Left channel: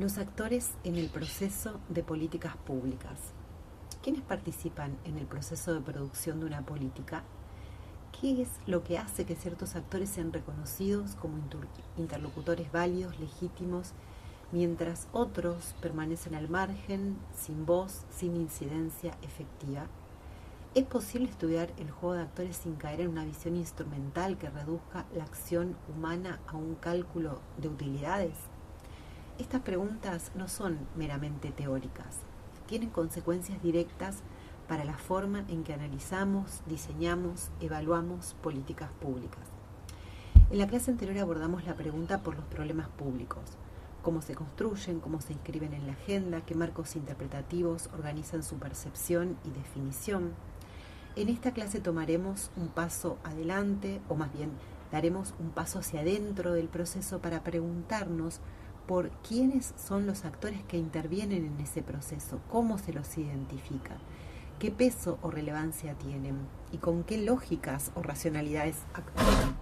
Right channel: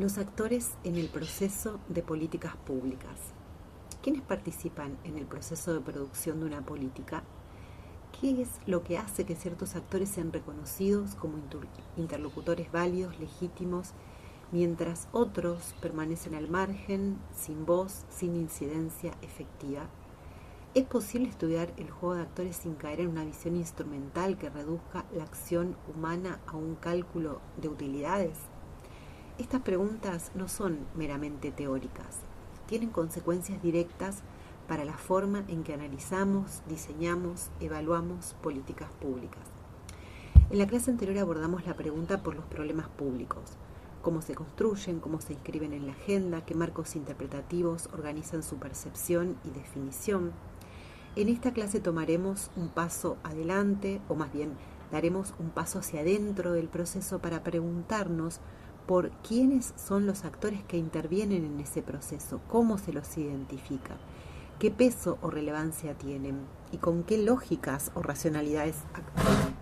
Los actores en el proceso de políticas públicas. ¿Quiénes participan en el proceso de producción de una política? ¿Qué es lo que hace que ciertos actores sean reconocidos como interlocutores válidos, legítimos, mientras otros permanecen al margen, sin voz, sin incidencia efectiva? ¿Es posible estudiar el juego de actores sin caer en una visión instrumental que reduzca la acción humana a un cálculo de utilidades? Estas preguntas no son meramente teóricas, tienen consecuencias directas para la forma en que analizamos, diseñamos, evaluamos políticas públicas. En la clase anterior abordamos la pregunta por los problemas públicos, cómo se construyen, cómo se inscriben en la agenda, qué marcos interpretativos organizan su percepción y definición. En esta clase tomaremos un paso adelante, o más bien daremos un paso hacia adentro del proceso para preguntarnos por quiénes son los actores que intervienen en ese proceso, cómo se los identifica, qué peso o relevancia tienen y con qué lógicas o racionalidades actúan.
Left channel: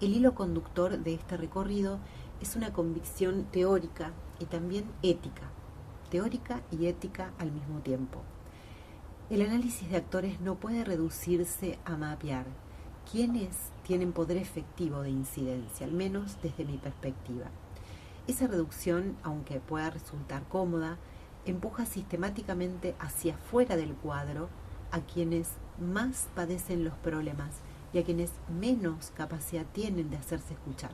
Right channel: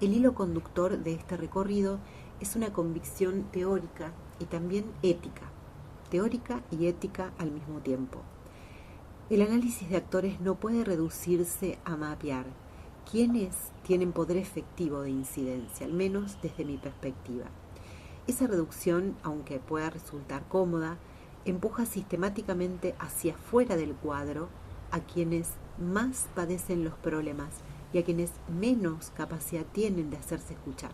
El hilo conductor de este recorrido es una convicción teórica y también ética, teórica y ética al mismo tiempo. El análisis de actores no puede reducirse a mapear quiénes tienen poder efectivo de incidencia, al menos desde mi perspectiva. Esa reducción, aunque pueda resultar cómoda, empuja sistemáticamente hacia afuera del cuadro a quienes más padecen los problemas y a quienes menos capacidad tienen de hacerse escuchar.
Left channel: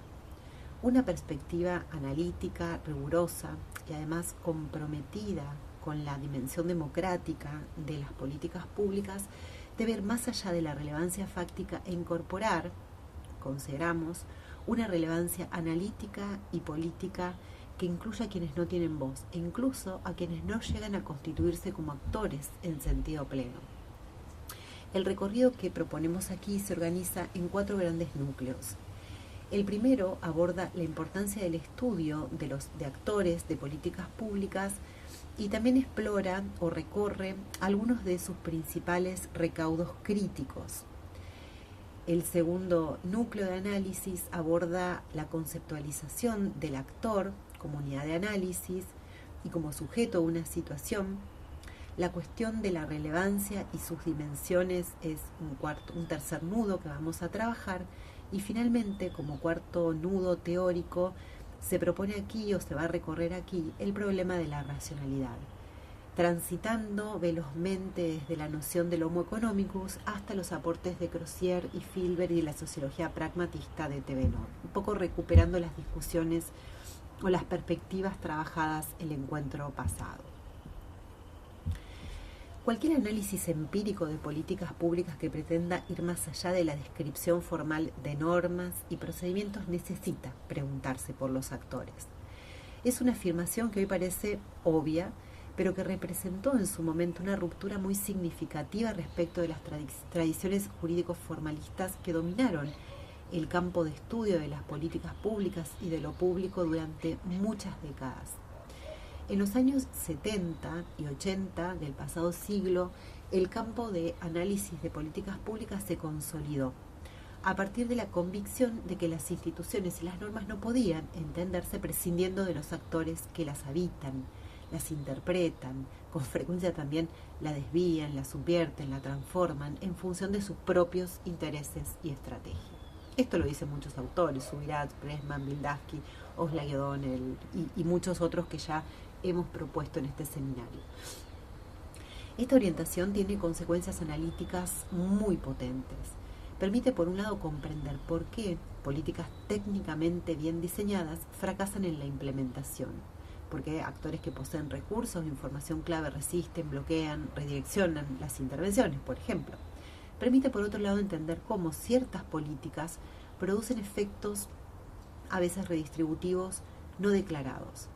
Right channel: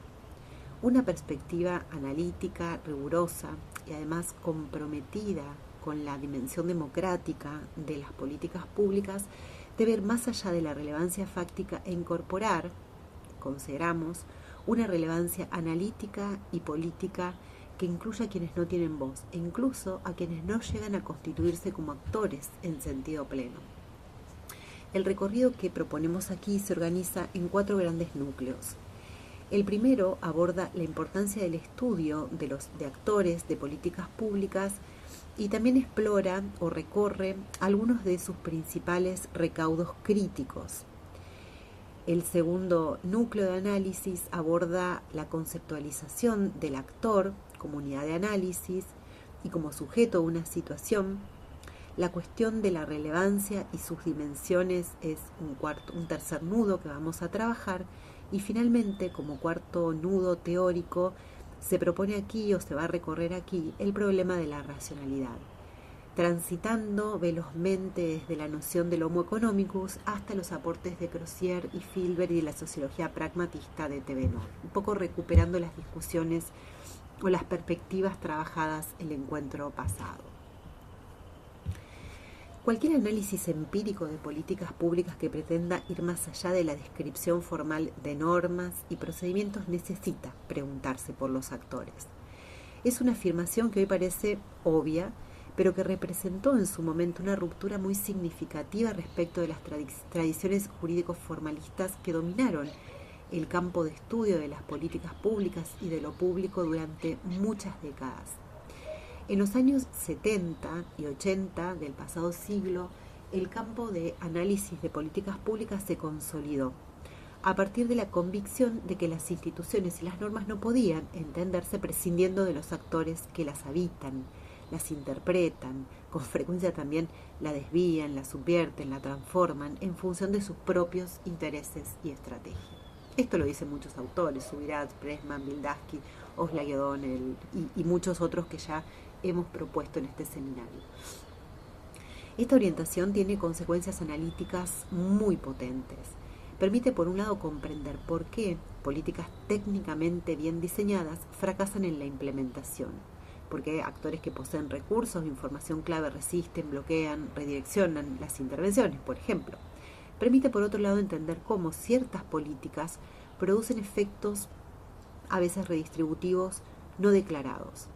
Una perspectiva analítica, rigurosa y además comprometida con la dimensión democrática de las políticas públicas debe ir más allá de la relevancia fáctica e incorporar, consideramos, una relevancia analítica y política que incluya a quienes no tienen voz e incluso a quienes no llegan a constituirse como actores en sentido pleno. El recorrido que proponemos aquí se organiza en 4 grandes núcleos. El primero aborda la importancia del estudio de actores de políticas públicas y también explora o recorre algunos de sus principales recaudos críticos. El segundo núcleo de análisis aborda la conceptualización del actor como unidad de análisis y como sujeto a una situación. La cuestión de la relevancia y sus dimensiones es un tercer nudo que vamos a trabajar. Y finalmente, como cuarto nudo teórico, se propone aquí o se va a recorrer aquí el problema de la racionalidad, transitando velozmente desde la noción del Homo economicus hasta los aportes de Crosier y Filbert y la sociología pragmatista de Thevenot, un poco recuperando las discusiones o las perspectivas trabajadas el encuentro pasado. Cualquier análisis empírico de políticas públicas que pretenda ir más allá de la descripción formal de normas y procedimientos necesita preguntarse por los actores. Es una afirmación que hoy parece obvia, pero que representó en su momento una ruptura muy significativa respecto de las tradiciones jurídicos formalistas que dominaron el campo de estudio de las políticas públicas y de lo público durante muchas décadas. En los años 70 y 80 del pasado siglo, el campo de análisis de políticas públicas se consolidó, a partir de la convicción de que las instituciones y las normas no podían entenderse prescindiendo de los actores que las habitan, las interpretan, con frecuencia también la desvían, la subvierten, la transforman en función de sus propios intereses y estrategias. Esto lo dicen muchos autores, Subirats, Pressman, Bildavsky, Oslak y O'Donnell y muchos otros que ya hemos propuesto en este seminario. Esta orientación tiene consecuencias analíticas muy potentes. Permite, por un lado, comprender por qué políticas técnicamente bien diseñadas fracasan en la implementación, porque actores que poseen recursos de información clave resisten, bloquean, redireccionan las intervenciones, por ejemplo. Permite, por otro lado, entender cómo ciertas políticas producen efectos a veces redistributivos no declarados.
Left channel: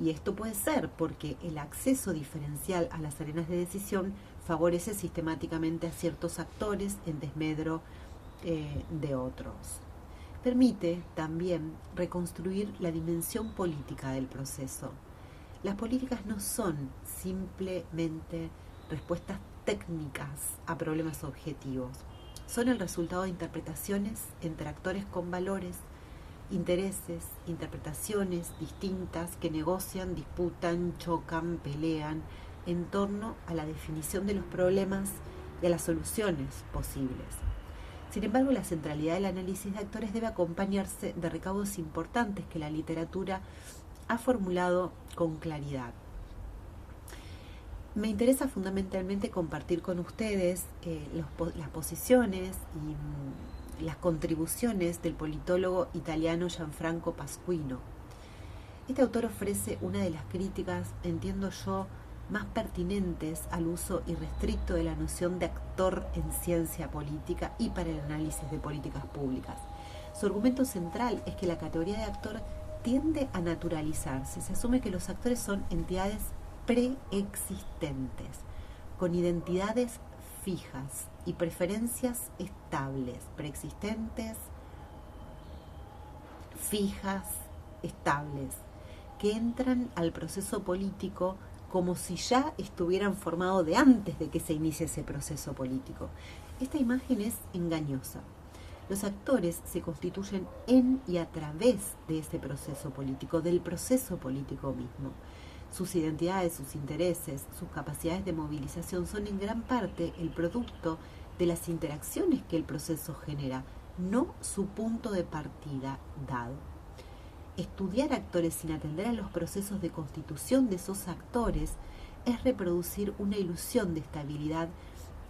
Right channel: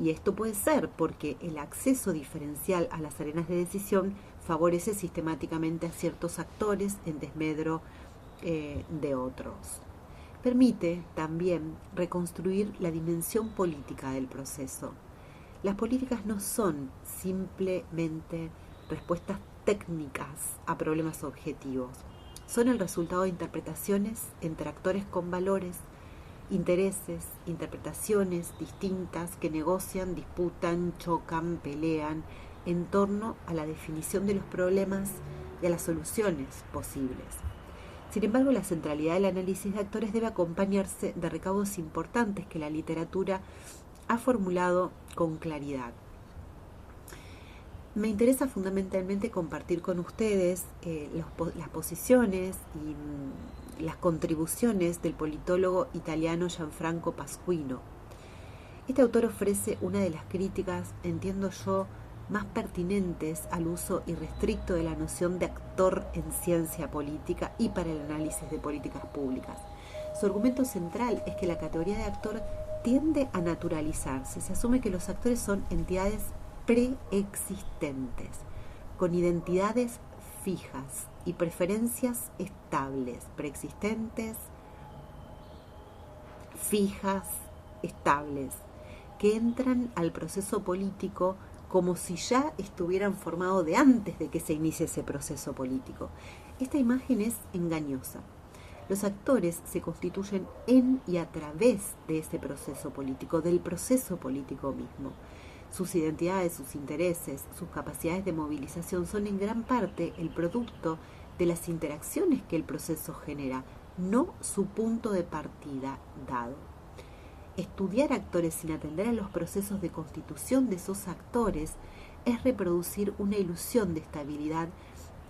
Y esto puede ser porque el acceso diferencial a las arenas de decisión favorece sistemáticamente a ciertos actores en desmedro de otros. Permite también reconstruir la dimensión política del proceso. Las políticas no son simplemente respuestas técnicas a problemas objetivos. Son el resultado de interpretaciones entre actores con valores, intereses, interpretaciones distintas que negocian, disputan, chocan, pelean en torno a la definición de los problemas y a las soluciones posibles. Sin embargo, la centralidad del análisis de actores debe acompañarse de recaudos importantes que la literatura ha formulado con claridad. Me interesa fundamentalmente compartir con ustedes las posiciones y las contribuciones del politólogo italiano Gianfranco Pasquino. Este autor ofrece una de las críticas, entiendo yo, más pertinentes al uso irrestricto de la noción de actor en ciencia política y para el análisis de políticas públicas. Su argumento central es que la categoría de actor tiende a naturalizarse. Se asume que los actores son entidades preexistentes, con identidades fijas y preferencias estables, preexistentes, fijas, estables, que entran al proceso político como si ya estuvieran formados de antes de que se inicie ese proceso político. Esta imagen es engañosa. Los actores se constituyen en y a través de ese proceso político, del proceso político mismo. Sus identidades, sus intereses, sus capacidades de movilización son en gran parte el producto de las interacciones que el proceso genera, no su punto de partida dado. Estudiar actores sin atender a los procesos de constitución de esos actores es reproducir una ilusión de estabilidad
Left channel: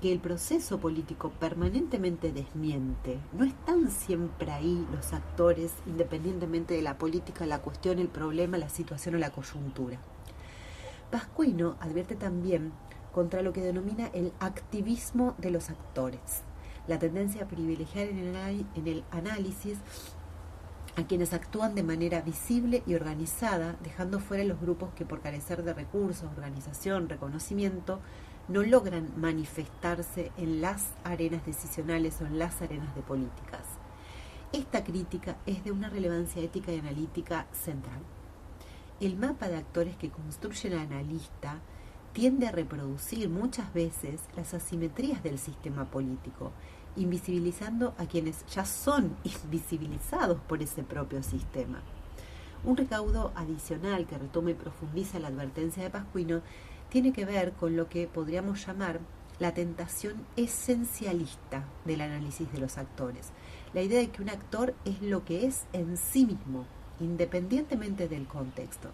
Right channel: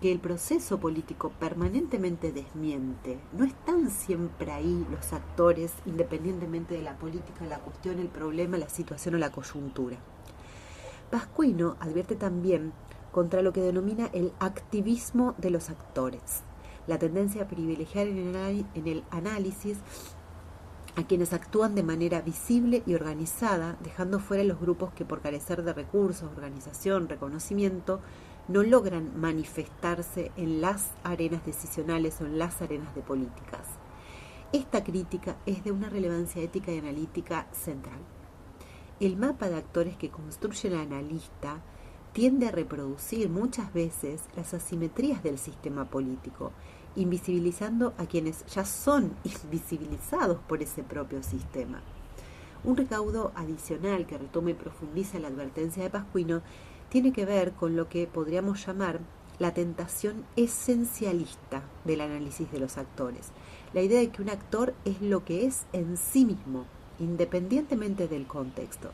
que el proceso político permanentemente desmiente. No están siempre ahí los actores, independientemente de la política, la cuestión, el problema, la situación o la coyuntura. Pasquino advierte también contra lo que denomina el activismo de los actores, la tendencia a privilegiar en el análisis a quienes actúan de manera visible y organizada, dejando fuera los grupos que por carecer de recursos, organización, reconocimiento, no logran manifestarse en las arenas decisionales o en las arenas de políticas. Esta crítica es de una relevancia ética y analítica central. El mapa de actores que construye el analista tiende a reproducir muchas veces las asimetrías del sistema político, invisibilizando a quienes ya son invisibilizados por ese propio sistema. Un recaudo adicional que retoma y profundiza la advertencia de Pasquino tiene que ver con lo que podríamos llamar la tentación esencialista del análisis de los actores. La idea de que un actor es lo que es en sí mismo, independientemente del contexto.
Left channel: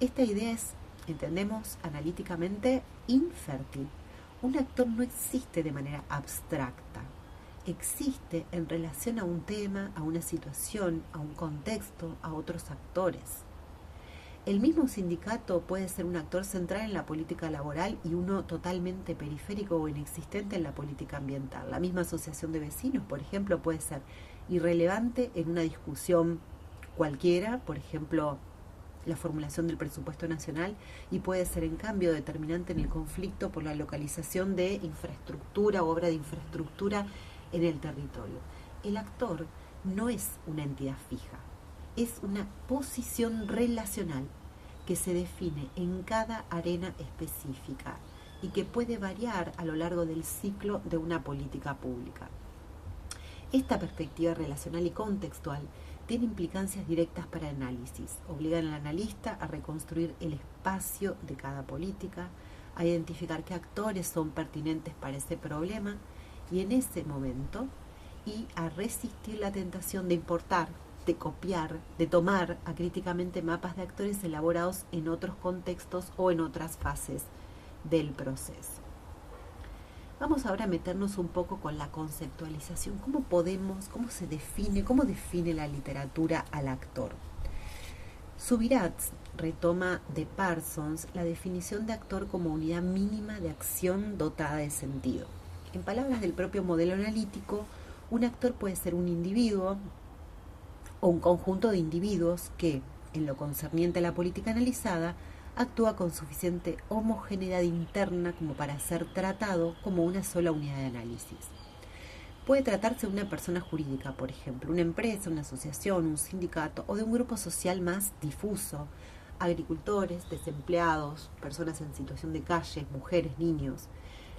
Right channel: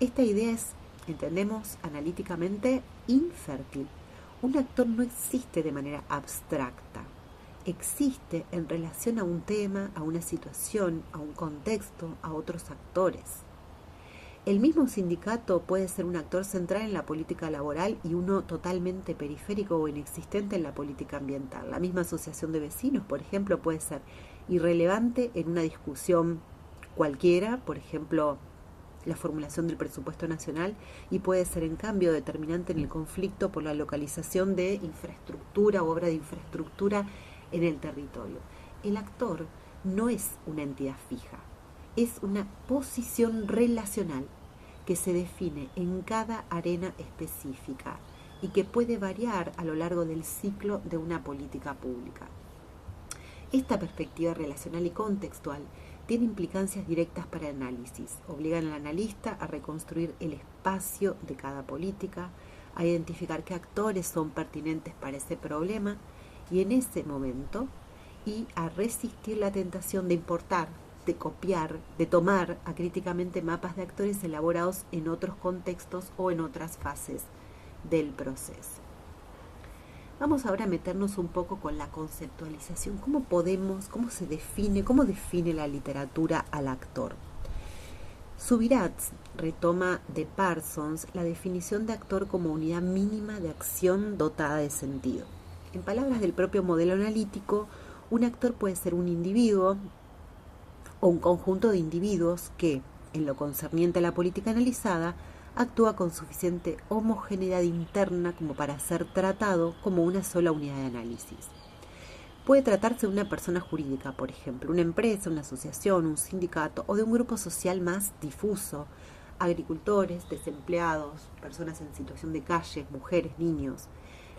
Esta idea es, entendemos analíticamente, infértil. Un actor no existe de manera abstracta. Existe en relación a un tema, a una situación, a un contexto, a otros actores. El mismo sindicato puede ser un actor central en la política laboral y uno totalmente periférico o inexistente en la política ambiental. La misma asociación de vecinos, por ejemplo, puede ser irrelevante en una discusión cualquiera, por ejemplo, la formulación del presupuesto nacional, y puede ser en cambio determinante en el conflicto por la localización de infraestructura o obra de infraestructura en el territorio. El actor no es una entidad fija, es una posición relacional que se define en cada arena específica y que puede variar a lo largo del ciclo de una política pública. Esta perspectiva relacional y contextual tiene implicancias directas para el análisis, obligan al analista a reconstruir el espacio de cada política, a identificar qué actores son pertinentes para ese problema y en ese momento y a resistir la tentación de importar, de copiar, de tomar acríticamente mapas de actores elaborados en otros contextos o en otras fases del proceso. Vamos ahora a meternos un poco con la conceptualización. ¿Cómo define la literatura al actor? Subirats retoma de Parsons la definición de actor como unidad mínima de acción dotada de sentido. En palabras del propio modelo analítico, un actor puede ser un individuo o un conjunto de individuos que, en lo concerniente a la política analizada, actúa con suficiente homogeneidad interna como para ser tratado como una sola unidad de análisis. Puede tratarse de una persona jurídica, por ejemplo, una empresa, una asociación, un sindicato o de un grupo social más difuso, agricultores, desempleados, personas en situación de calle, mujeres, niños.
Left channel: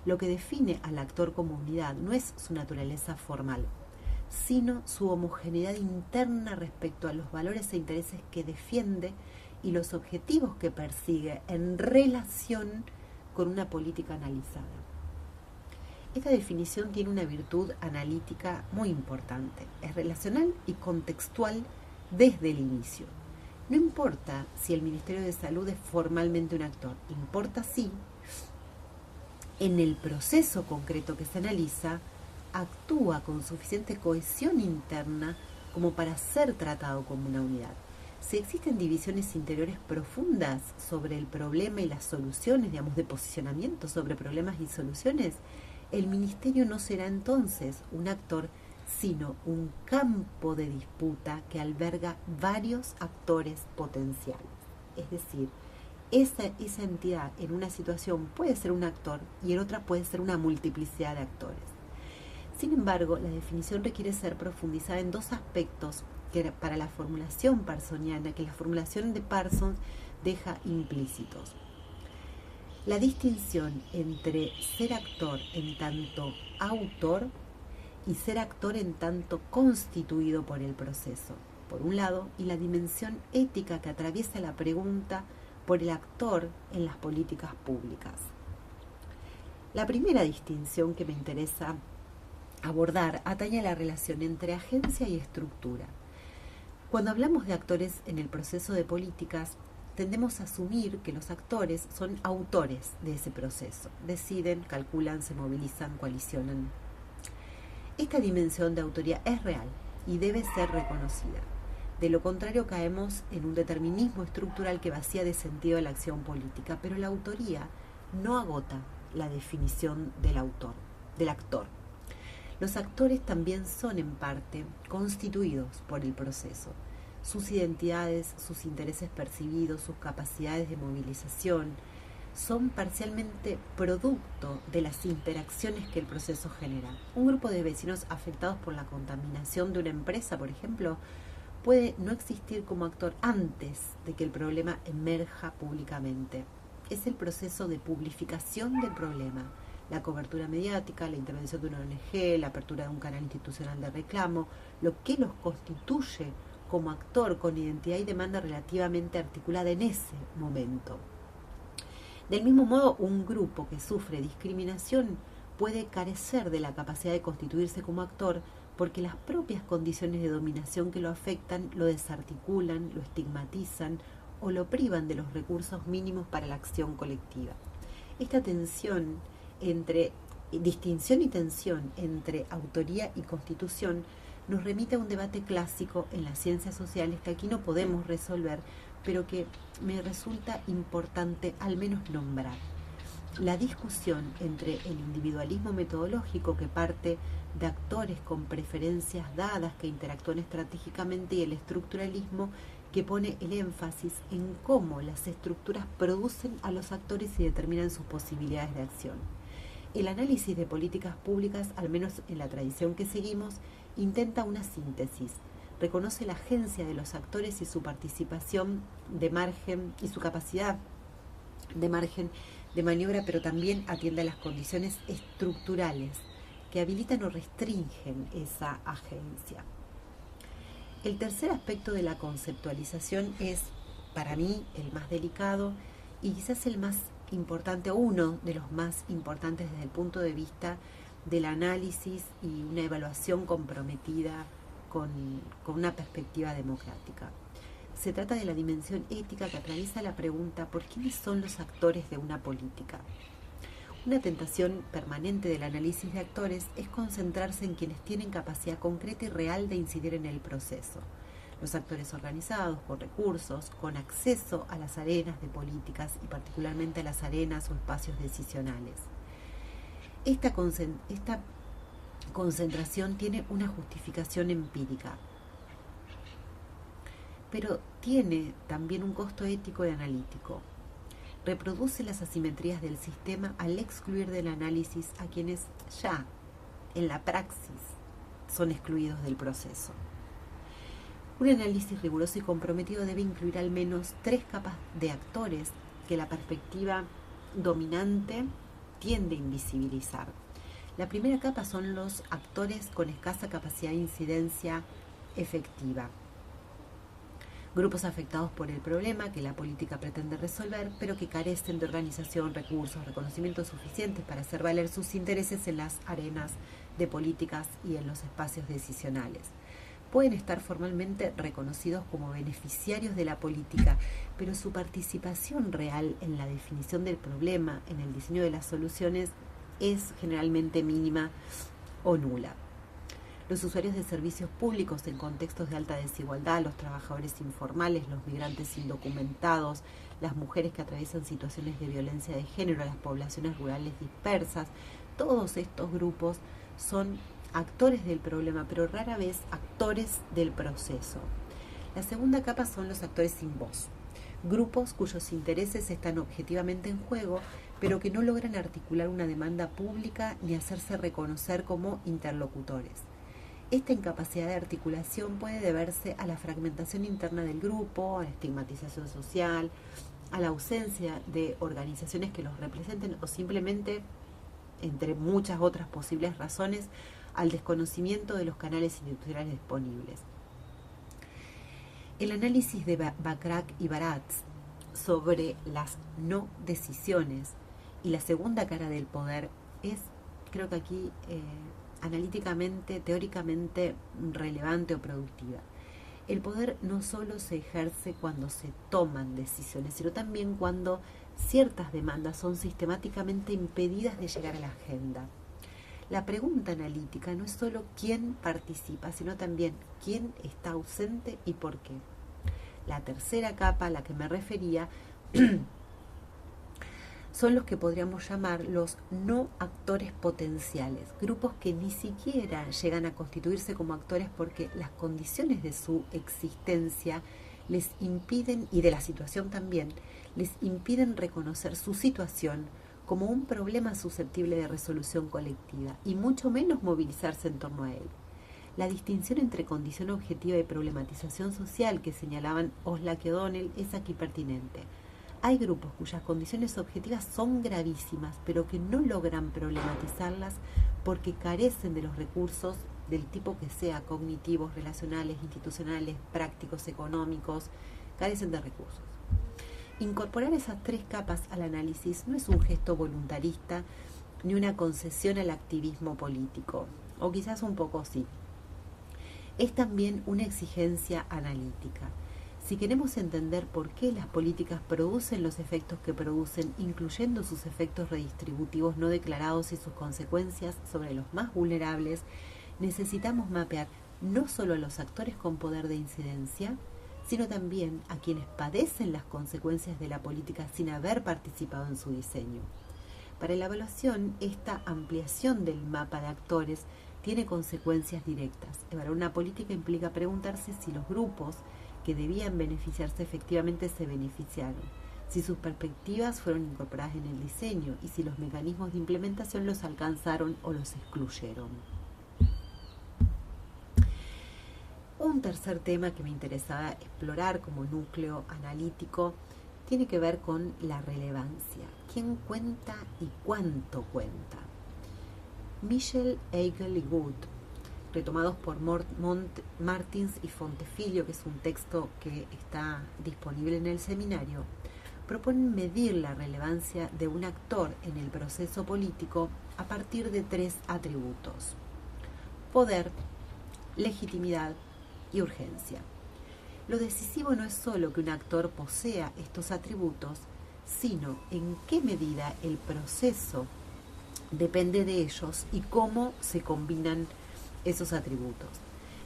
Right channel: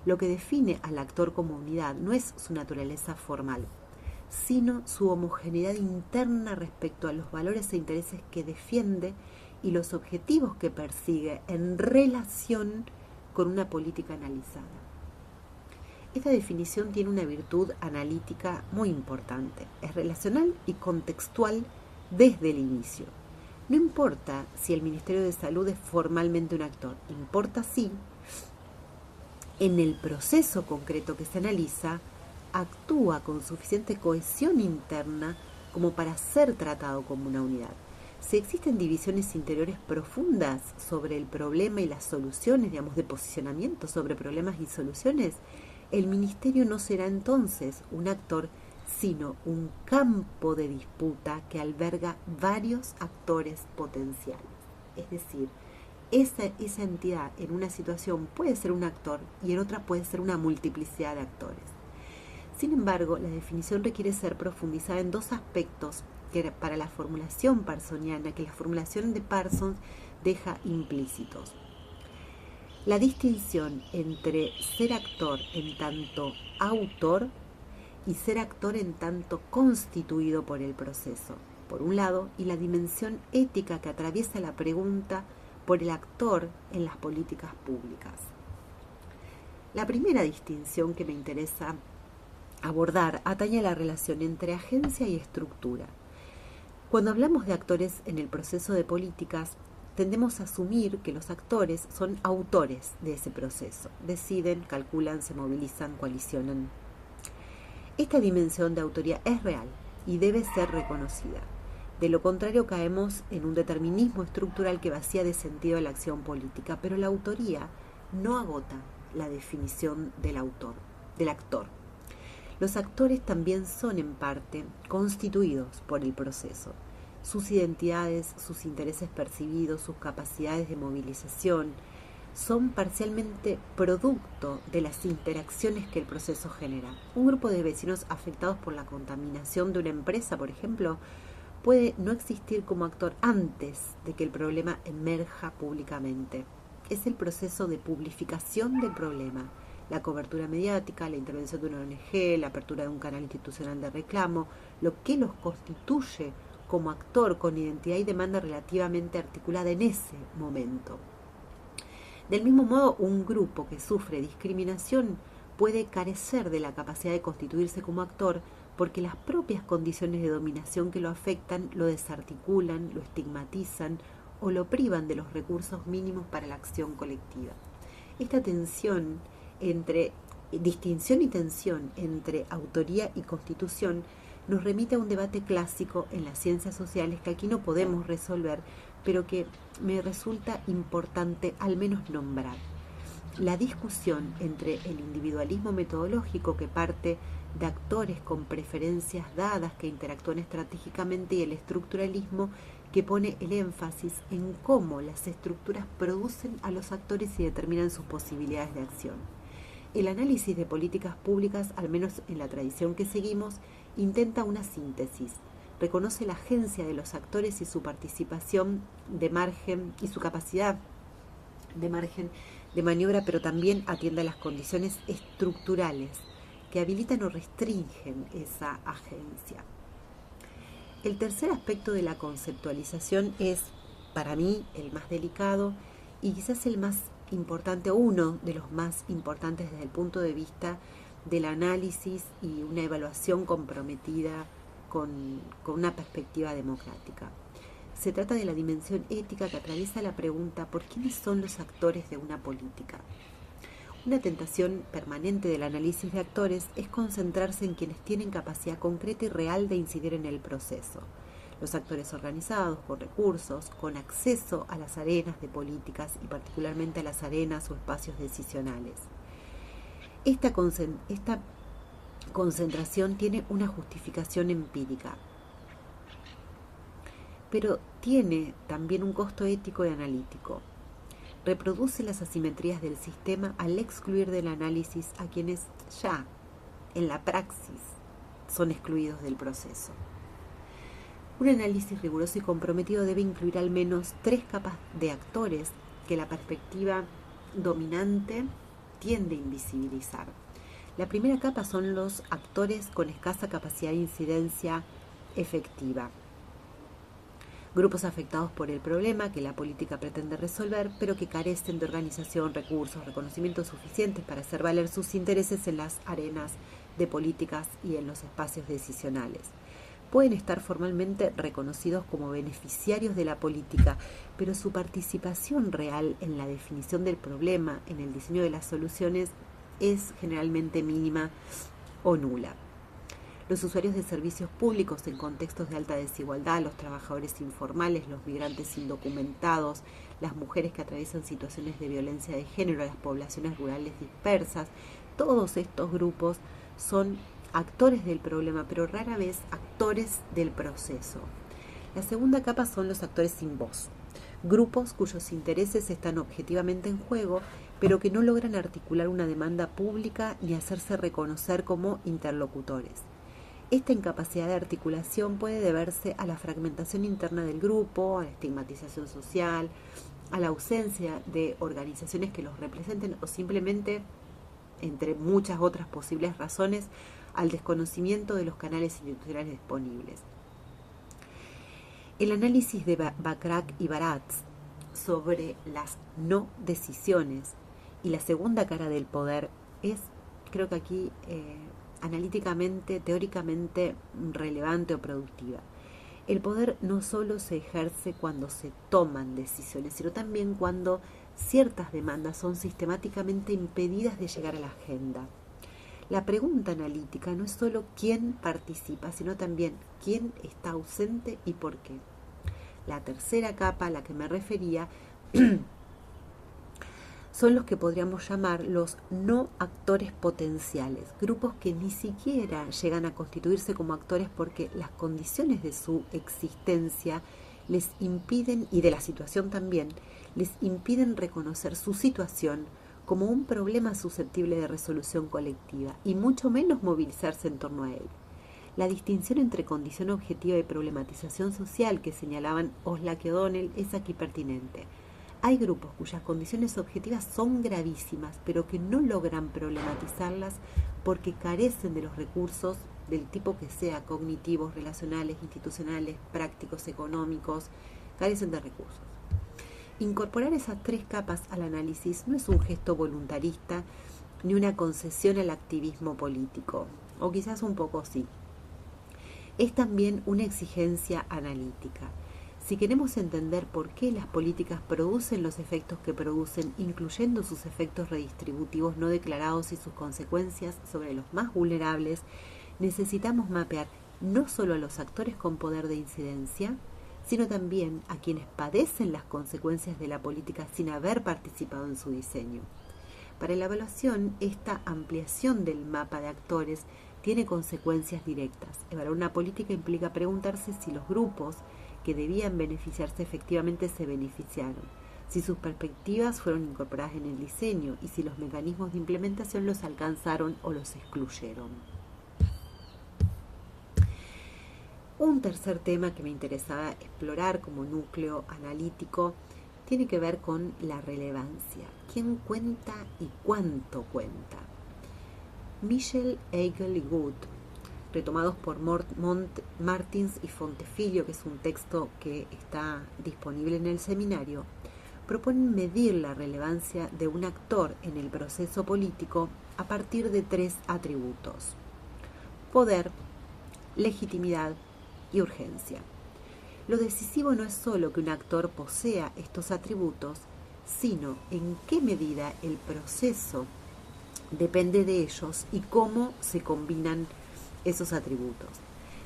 Lo que define al actor como unidad no es su naturaleza formal, sino su homogeneidad interna respecto a los valores e intereses que defiende y los objetivos que persigue en relación con una política analizada. Esta definición tiene una virtud analítica muy importante. Es relacional y contextual desde el inicio. No importa si el Ministerio de Salud es formalmente un actor, importa si en el proceso concreto que se analiza actúa con suficiente cohesión interna como para ser tratado como una unidad. Si existen divisiones interiores profundas sobre el problema y las soluciones, de posicionamiento sobre problemas y soluciones, el ministerio no será entonces un actor, sino un campo de disputa que alberga varios actores potenciales. Es decir, esa entidad en una situación puede ser un actor y en otra puede ser una multiplicidad de actores. Sin embargo, la definición requiere ser profundizada en dos aspectos que para la formulación parsoniana, que la formulación de Parsons deja implícitos. La distinción entre ser actor en tanto autor y ser actor en tanto constituido por el proceso, por un lado, y la dimensión ética que atraviesa la pregunta por el actor en las políticas públicas. La primera distinción que me interesa abordar atañe a la relación entre agencia y estructura. Cuando hablamos de actores en el proceso de políticas, tendemos a asumir que los actores son autores de ese proceso. Deciden, calculan, se movilizan, coalicionan. Esta dimensión de autoría es real y debe ser reconocida. De lo contrario, caemos en un determinismo estructural que vacía de sentido la acción política, pero la autoría no agota la definición del actor. Los actores también son en parte constituidos por el proceso. Sus identidades, sus intereses percibidos, sus capacidades de movilización son parcialmente producto de las interacciones que el proceso genera. Un grupo de vecinos afectados por la contaminación de una empresa, por ejemplo, puede no existir como actor antes de que el problema emerja públicamente. Es el proceso de publificación del problema, la cobertura mediática, la intervención de una ONG, la apertura de un canal institucional de reclamo, lo que los constituye como actor con identidad y demanda relativamente articulada en ese momento. Del mismo modo, un grupo que sufre discriminación puede carecer de la capacidad de constituirse como actor porque las propias condiciones de dominación que lo afectan lo desarticulan, lo estigmatizan o lo privan de los recursos mínimos para la acción colectiva. Esta distinción y tensión entre autoría y constitución nos remite a un debate clásico en las ciencias sociales que aquí no podemos resolver, pero que me resulta importante al menos nombrar. La discusión entre el individualismo metodológico que parte de actores con preferencias dadas que interactúan estratégicamente y el estructuralismo que pone el énfasis en cómo las estructuras producen a los actores y determinan sus posibilidades de acción. El análisis de políticas públicas, al menos en la tradición que seguimos, intenta una síntesis. Reconoce la agencia de los actores y su participación de margen y su capacidad de margen de maniobra, pero también atiende a las condiciones estructurales que habilitan o restringen esa agencia. El tercer aspecto de la conceptualización es, para mí, el más delicado y quizás el más importante, o uno de los más importantes desde el punto de vista del análisis y una evaluación comprometida con una perspectiva democrática. Se trata de la dimensión ética que atraviesa la pregunta ¿por quiénes son los actores de una política? Una tentación permanente del análisis de actores es concentrarse en quienes tienen capacidad concreta y real de incidir en el proceso. Los actores organizados, con recursos, con acceso a las arenas de políticas y particularmente a las arenas o espacios decisionales. Esta concentración tiene una justificación empírica, pero tiene también un costo ético y analítico. Reproduce las asimetrías del sistema al excluir del análisis a quienes ya, en la praxis, son excluidos del proceso. Un análisis riguroso y comprometido debe incluir al menos 3 capas de actores que la perspectiva dominante tiende a invisibilizar. La primera capa son los actores con escasa capacidad de incidencia efectiva. Grupos afectados por el problema que la política pretende resolver, pero que carecen de organización, recursos, reconocimientos suficientes para hacer valer sus intereses en las arenas de políticas y en los espacios decisionales. Pueden estar formalmente reconocidos como beneficiarios de la política, pero su participación real en la definición del problema, en el diseño de las soluciones, es generalmente mínima o nula. Los usuarios de servicios públicos en contextos de alta desigualdad, los trabajadores informales, los migrantes indocumentados, las mujeres que atraviesan situaciones de violencia de género, las poblaciones rurales dispersas, todos estos grupos son actores del problema, pero rara vez actores del proceso. La segunda capa son los actores sin voz, grupos cuyos intereses están objetivamente en juego, pero que no logran articular una demanda pública ni hacerse reconocer como interlocutores. Esta incapacidad de articulación puede deberse a la fragmentación interna del grupo, a la estigmatización social, a la ausencia de organizaciones que los representen o simplemente, entre muchas otras posibles razones, al desconocimiento de los canales institucionales disponibles. El análisis de Bachrach y Baratz sobre las no decisiones y la segunda cara del poder es, creo que aquí, analíticamente, teóricamente relevante o productiva. El poder no solo se ejerce cuando se toman decisiones, sino también cuando ciertas demandas son sistemáticamente impedidas de llegar a la agenda. La pregunta analítica no es solo quién participa, sino también quién está ausente y por qué. La tercera capa a la que me refería son los que podríamos llamar los no actores potenciales, grupos que ni siquiera llegan a constituirse como actores porque las condiciones de su existencia les impiden, y de la situación también, les impiden reconocer su situación como un problema susceptible de resolución colectiva y mucho menos movilizarse en torno a él. La distinción entre condición objetiva y problematización social que señalaban Oslak y O'Donnell es aquí pertinente. Hay grupos cuyas condiciones objetivas son gravísimas, pero que no logran problematizarlas porque carecen de los recursos del tipo que sea, cognitivos, relacionales, institucionales, prácticos, económicos, carecen de recursos. Incorporar esas tres capas al análisis no es un gesto voluntarista ni una concesión al activismo político, o quizás un poco sí. Es también una exigencia analítica. Si queremos entender por qué las políticas producen los efectos que producen, incluyendo sus efectos redistributivos no declarados y sus consecuencias sobre los más vulnerables, necesitamos mapear no solo a los actores con poder de incidencia, sino también a quienes padecen las consecuencias de la política sin haber participado en su diseño. Para la evaluación, esta ampliación del mapa de actores tiene consecuencias directas. Evaluar una política implica preguntarse si los grupos que debían beneficiarse efectivamente se beneficiaron, si sus perspectivas fueron incorporadas en el diseño y si los mecanismos de implementación los alcanzaron o los excluyeron. Un tercer tema que me interesaba explorar como núcleo analítico tiene que ver con la relevancia. ¿Quién cuenta y cuánto cuenta? Michel, Eigel y Good, retomados por Martins y Fontefilio, que es un texto que está disponible en el seminario, proponen medir la relevancia de un actor en el proceso político a partir de tres atributos: poder, legitimidad y urgencia. Lo decisivo no es solo que un actor posea estos atributos, sino en qué medida el proceso depende de ellos y cómo se combinan esos atributos.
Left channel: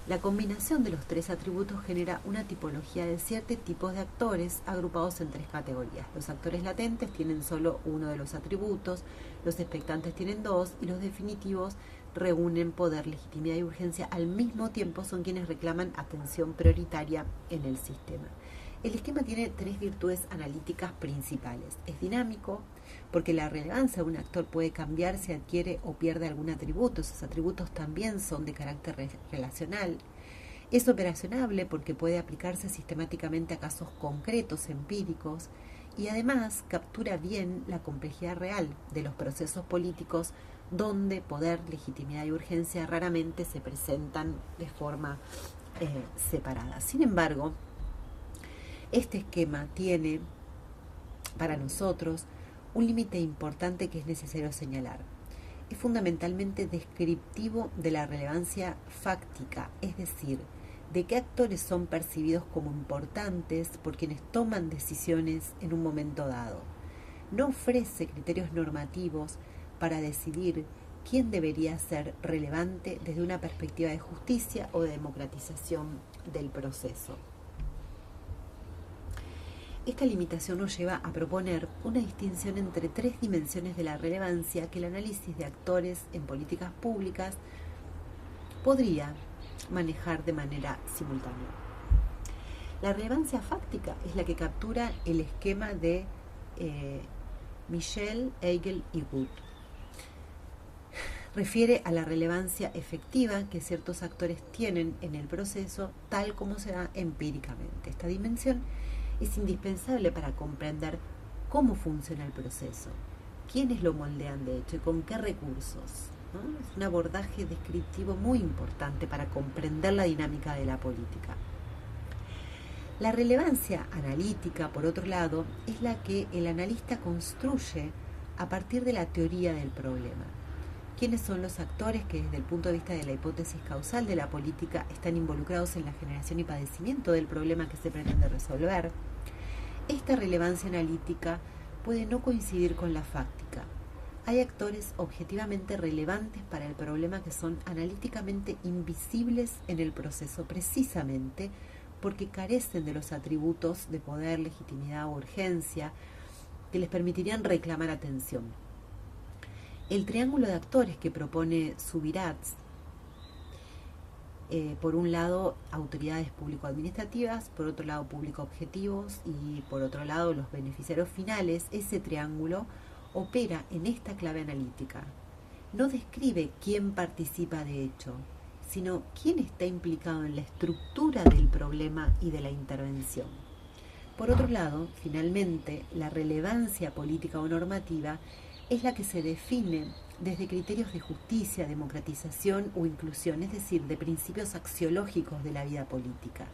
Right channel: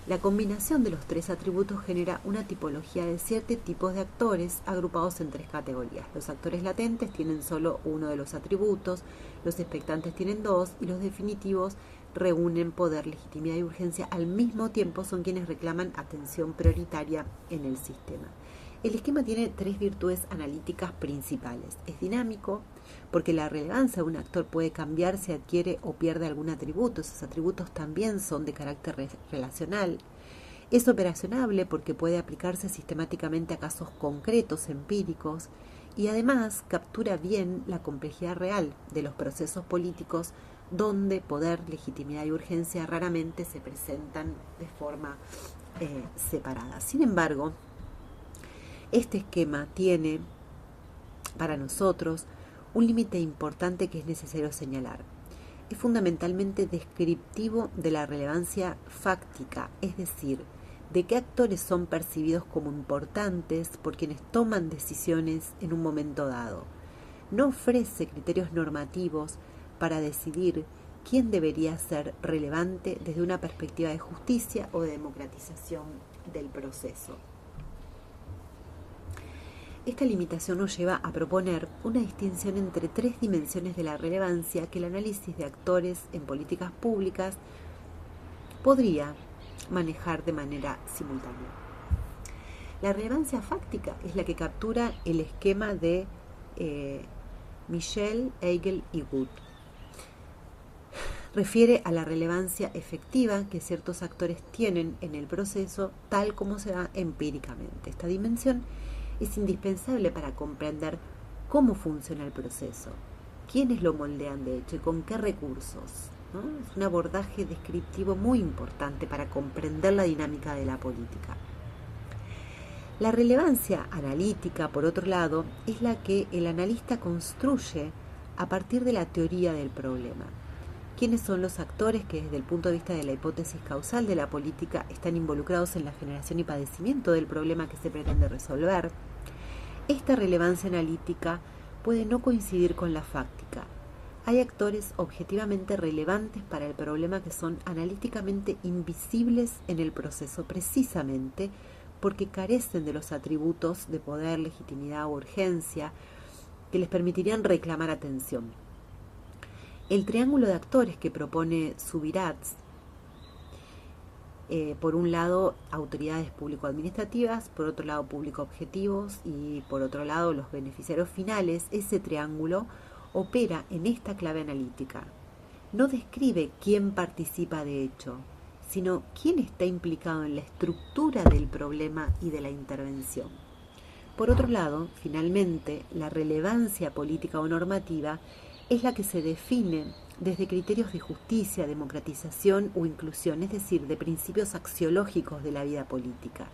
La combinación de los tres atributos genera una tipología de 7 tipos de actores agrupados en 3 categorías. Los actores latentes tienen solo uno de los atributos, los expectantes tienen 2 y los definitivos reúnen poder, legitimidad y urgencia al mismo tiempo, son quienes reclaman atención prioritaria en el sistema. El esquema tiene 3 virtudes analíticas principales. Es dinámico, porque la relevancia de un actor puede cambiar si adquiere o pierde algún atributo. Esos atributos también son de carácter relacional. Es operacionable porque puede aplicarse sistemáticamente a casos concretos, empíricos, y además captura bien la complejidad real de los procesos políticos donde poder, legitimidad y urgencia raramente se presentan de forma separada. Sin embargo, este esquema tiene para nosotros un límite importante que es necesario señalar. Es fundamentalmente descriptivo de la relevancia fáctica, es decir, de qué actores son percibidos como importantes por quienes toman decisiones en un momento dado. No ofrece criterios normativos para decidir quién debería ser relevante desde una perspectiva de justicia o de democratización del proceso. Esta limitación nos lleva a proponer una distinción entre tres dimensiones de la relevancia que el análisis de actores en políticas públicas podría manejar de manera simultánea. La relevancia fáctica es la que captura el esquema de Michel, Hegel y Wood. Refiere a la relevancia efectiva que ciertos actores tienen en el proceso, tal como se da empíricamente. Esta dimensión es indispensable para comprender cómo funciona el proceso, quiénes lo moldean de hecho y con qué recursos, ¿no? Es un abordaje descriptivo muy importante para comprender la dinámica de la política. La relevancia analítica, por otro lado, es la que el analista construye a partir de la teoría del problema. ¿Quiénes son los actores que desde el punto de vista de la hipótesis causal de la política están involucrados en la generación y padecimiento del problema que se pretende resolver? Esta relevancia analítica puede no coincidir con la fáctica. Hay actores objetivamente relevantes para el problema que son analíticamente invisibles en el proceso, precisamente porque carecen de los atributos de poder, legitimidad o urgencia que les permitirían reclamar atención. El triángulo de actores que propone Subirats, por un lado autoridades público-administrativas, por otro lado público-objetivos y por otro lado los beneficiarios finales, ese triángulo opera en esta clave analítica. No describe quién participa de hecho, sino quién está implicado en la estructura del problema y de la intervención. Por otro lado, finalmente, la relevancia política o normativa es la que se define desde criterios de justicia, democratización o inclusión, es decir, de principios axiológicos de la vida política.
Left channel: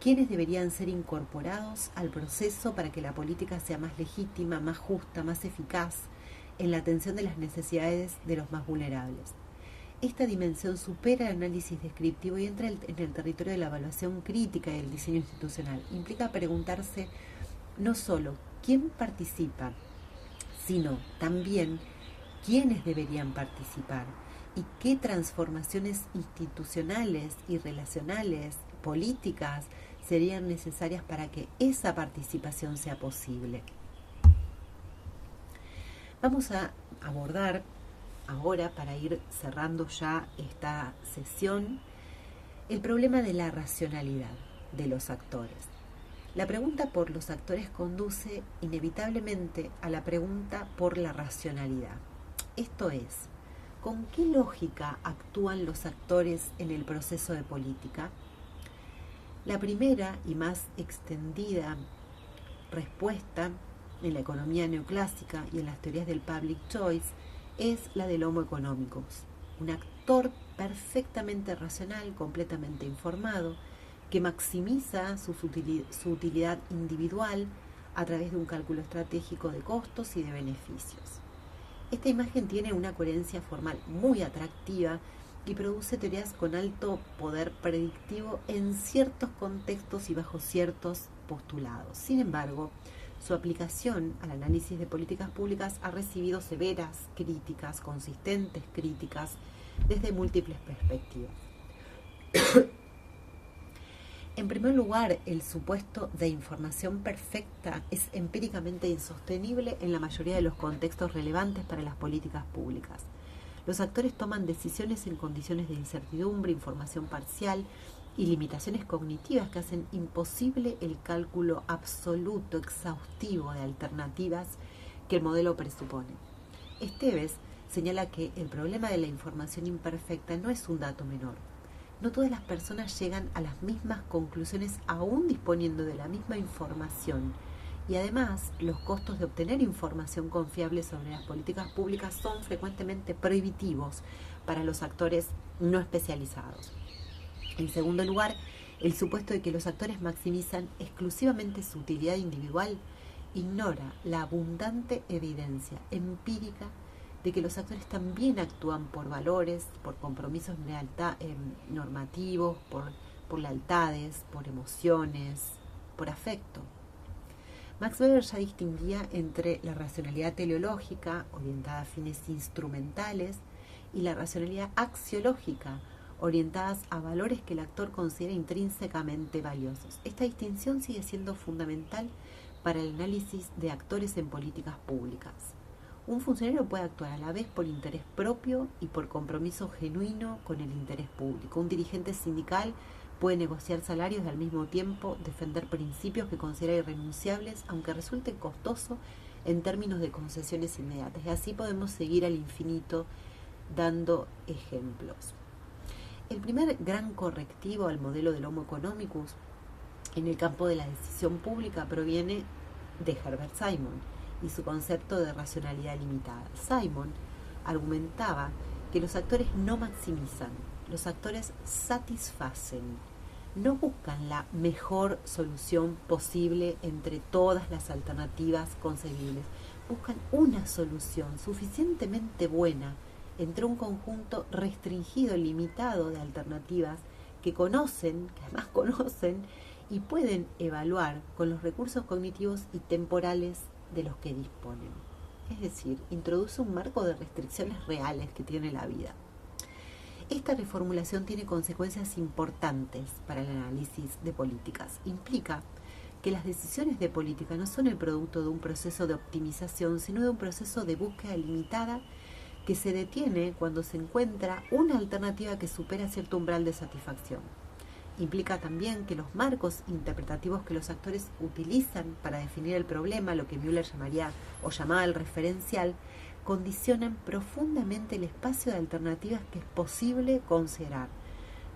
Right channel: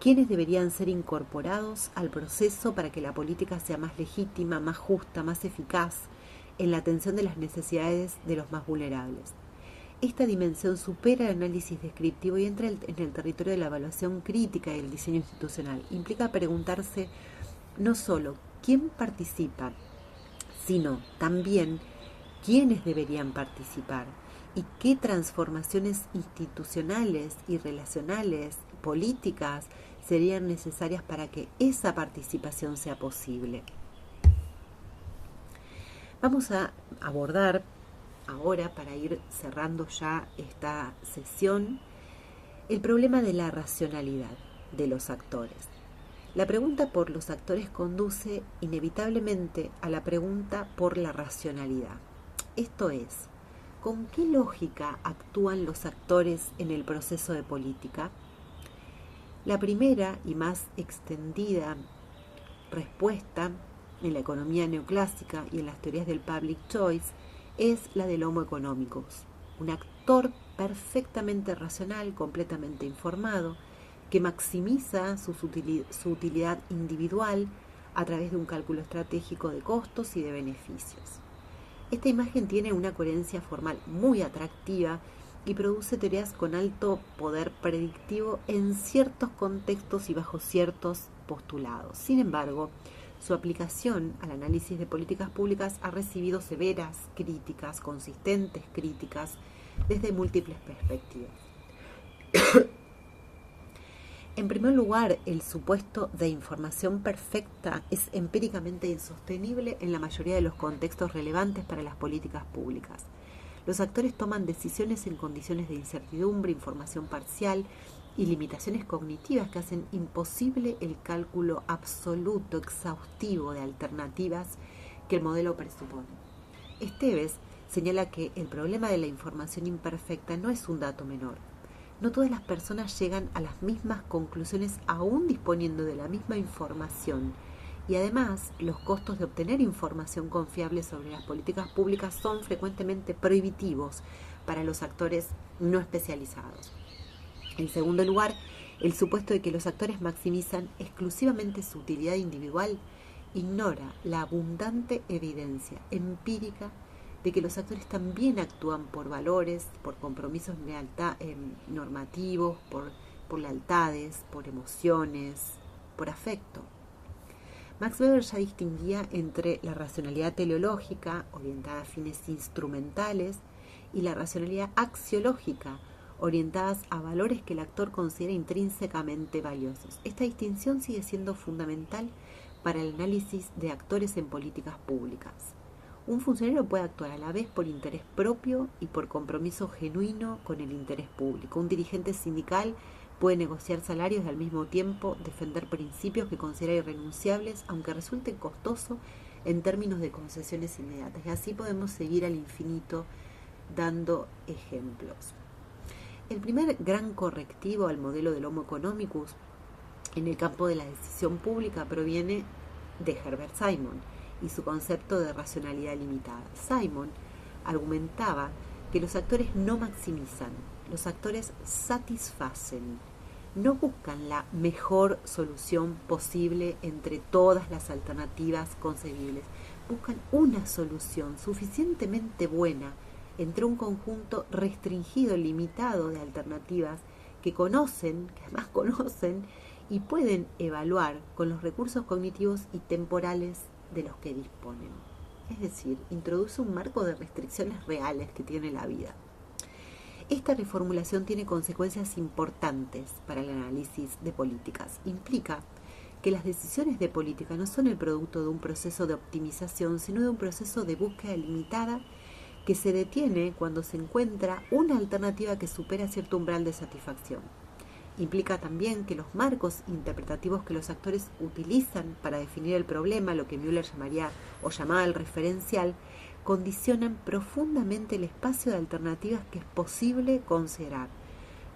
¿Quiénes deberían ser incorporados al proceso para que la política sea más legítima, más justa, más eficaz en la atención de las necesidades de los más vulnerables? Esta dimensión supera el análisis descriptivo y entra en el territorio de la evaluación crítica y el diseño institucional. Implica preguntarse no solo quién participa, sino también quiénes deberían participar y qué transformaciones institucionales y relacionales, políticas, serían necesarias para que esa participación sea posible. Vamos a abordar ahora, para ir cerrando ya esta sesión, el problema de la racionalidad de los actores. La pregunta por los actores conduce inevitablemente a la pregunta por la racionalidad. Esto es, ¿con qué lógica actúan los actores en el proceso de política? La primera y más extendida respuesta en la economía neoclásica y en las teorías del public choice es la del homo economicus, un actor perfectamente racional, completamente informado, que maximiza su utilidad individual a través de un cálculo estratégico de costos y de beneficios. Esta imagen tiene una coherencia formal muy atractiva y produce teorías con alto poder predictivo en ciertos contextos y bajo ciertos postulados. Sin embargo, su aplicación al análisis de políticas públicas ha recibido severas críticas, consistentes críticas, desde múltiples perspectivas. En primer lugar, el supuesto de información perfecta es empíricamente insostenible en la mayoría de los contextos relevantes para las políticas públicas. Los actores toman decisiones en condiciones de incertidumbre, información parcial y limitaciones cognitivas que hacen imposible el cálculo absoluto, exhaustivo de alternativas que el modelo presupone. Esteves señala que el problema de la información imperfecta no es un dato menor. No todas las personas llegan a las mismas conclusiones aún disponiendo de la misma información Y además, los costos de obtener información confiable sobre las políticas públicas son frecuentemente prohibitivos para los actores no especializados. En segundo lugar, el supuesto de que los actores maximizan exclusivamente su utilidad individual ignora la abundante evidencia empírica de que los actores también actúan por valores, por compromisos normativos, por lealtades, por emociones, por afecto. Max Weber ya distinguía entre la racionalidad teleológica, orientada a fines instrumentales, y la racionalidad axiológica, orientadas a valores que el actor considera intrínsecamente valiosos. Esta distinción sigue siendo fundamental para el análisis de actores en políticas públicas. Un funcionario puede actuar a la vez por interés propio y por compromiso genuino con el interés público. Un dirigente sindical puede negociar salarios y al mismo tiempo defender principios que considera irrenunciables, aunque resulte costoso en términos de concesiones inmediatas. Y así podemos seguir al infinito dando ejemplos. El primer gran correctivo al modelo del Homo economicus en el campo de la decisión pública proviene de Herbert Simon y su concepto de racionalidad limitada. Simon argumentaba que los actores no maximizan, los actores satisfacen, no buscan la mejor solución posible entre todas las alternativas concebibles, buscan una solución suficientemente buena entre un conjunto restringido, limitado de alternativas que además conocen y pueden evaluar con los recursos cognitivos y temporales de los que disponen. Es decir, introduce un marco de restricciones reales que tiene la vida. Esta reformulación tiene consecuencias importantes para el análisis de políticas. Implica que las decisiones de política no son el producto de un proceso de optimización, sino de un proceso de búsqueda limitada que se detiene cuando se encuentra una alternativa que supera cierto umbral de satisfacción. Implica también que los marcos interpretativos que los actores utilizan para definir el problema, lo que Müller llamaba el referencial, condicionan profundamente el espacio de alternativas que es posible considerar.